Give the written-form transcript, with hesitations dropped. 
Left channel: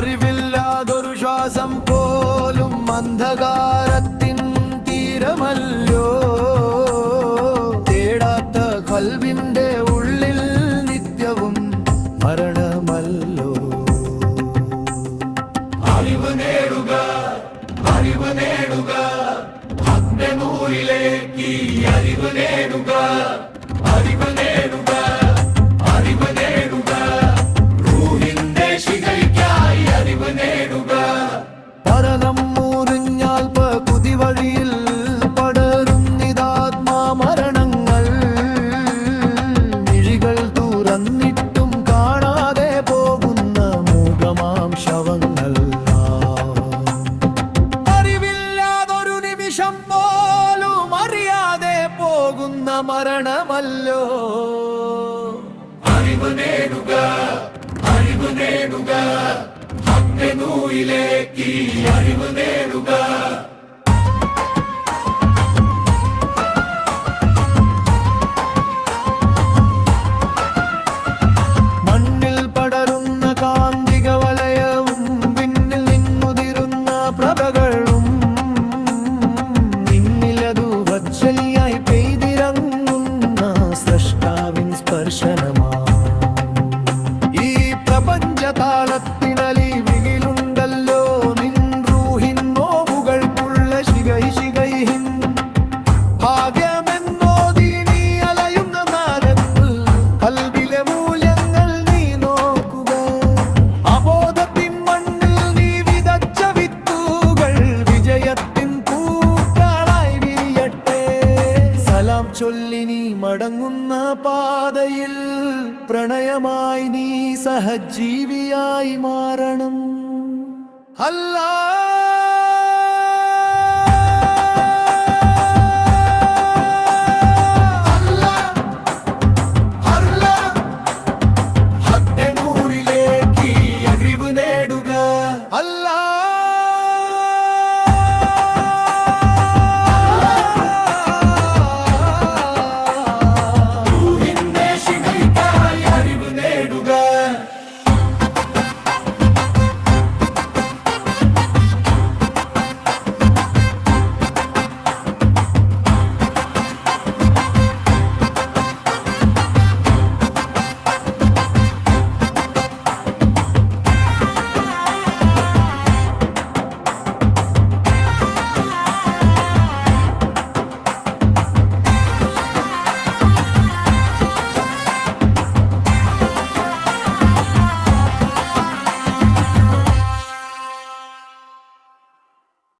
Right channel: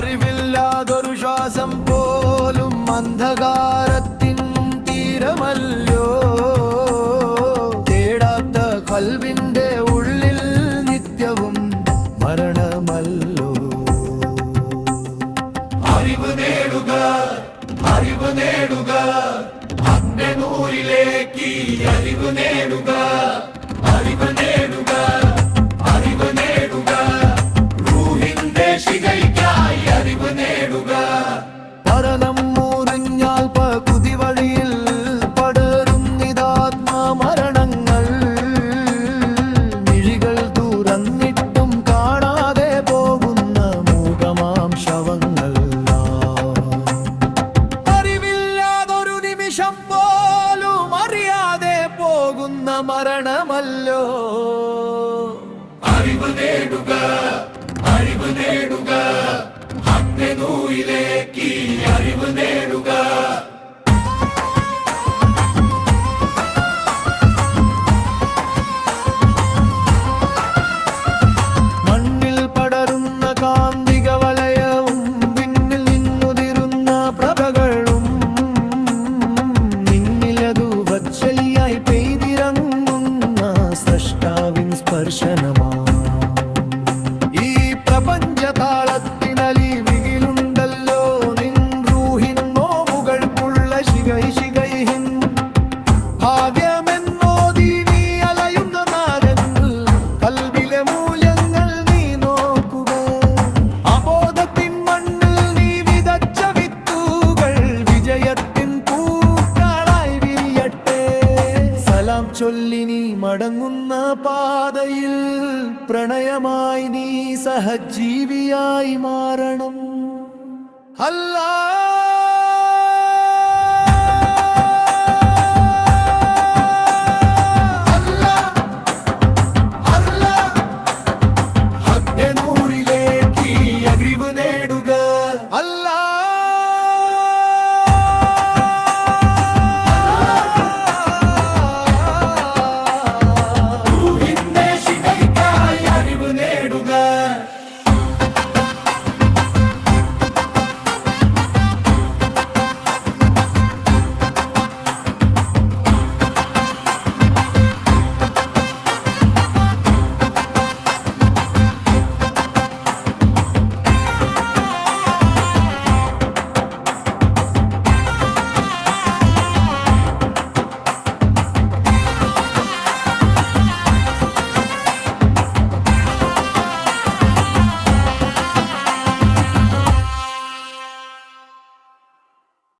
അറിവില്ലാതൊരു ശ്വാസം പോലും അന്ധകാരത്തിൻ തീരമല്ലോ. തേടാത്ത ഖൽബിന്റെ ഉള്ളിൽ നിത്യവും മരണമല്ലോ. അറിവ് നേടുക, അറിവ് നേടുക, അഗ്നിനൂരിലേക്ക് അറിവ് നേടുക, അറിവ് നേടുക, അറിവ് നേടുക, റൂഹിന്റെ ശിഖയ്ക്കായി അറിവ് നേടുക. പതനം മുറിഞ്ഞാൽ കുതിവഴിയിൽ പടരും നിതാത്മാ മരണങ്ങൾ. മിഴികൾ തുറന്നിട്ടും കാണാതെ പോകുന്ന മൂകമാം ശവങ്ങൾ. അറിവില്ലാതൊരു നിമിഷം പോലും അറിയാതെ പോകുന്ന മരണമല്ലോ. അറിവ് നേടുക, അറിവ് നേടുക, അഗ്നിനൂരിലേക്ക് അറിവ് നേടുക. മണ്ണിൽ പടരുന്ന കാന്തിക വലയവും പിന്നിൽ നിന്നുതിരുന്ന പ്രഭകളും നിന്നിലതു വജ്ജലിയായി പെയ്തിറങ്ങുന്ന സ്രഷ്ടാവിൻ സ്പർശനമാ. ഈ പ്രപഞ്ചതാളത്തിനലിവിലുണ്ടല്ലോ നിൻ റൂഹിൻ നോവുകൾക്കുള്ള ശിഖൈഹിൻ. ഭാഗ്യമെന്നോതി നീ അലയുന്ന നാരങ്ങൾ, ഖൽബിലെ മൂല്യങ്ങൾ നീ നോക്കുക. അബോധത്തിൻ മണ്ണിൽ നീ വിതച്ച വിത്തുകൾ വിജയത്തിൻ പൂക്കളായി വിരിയട്ടെ. സലാം ചൊല്ലി നീ മടങ്ങുന്ന പാതയിൽ പ്രണയമായി നീ സഹജീവിയായി മാറണം. അല്ലാഹ്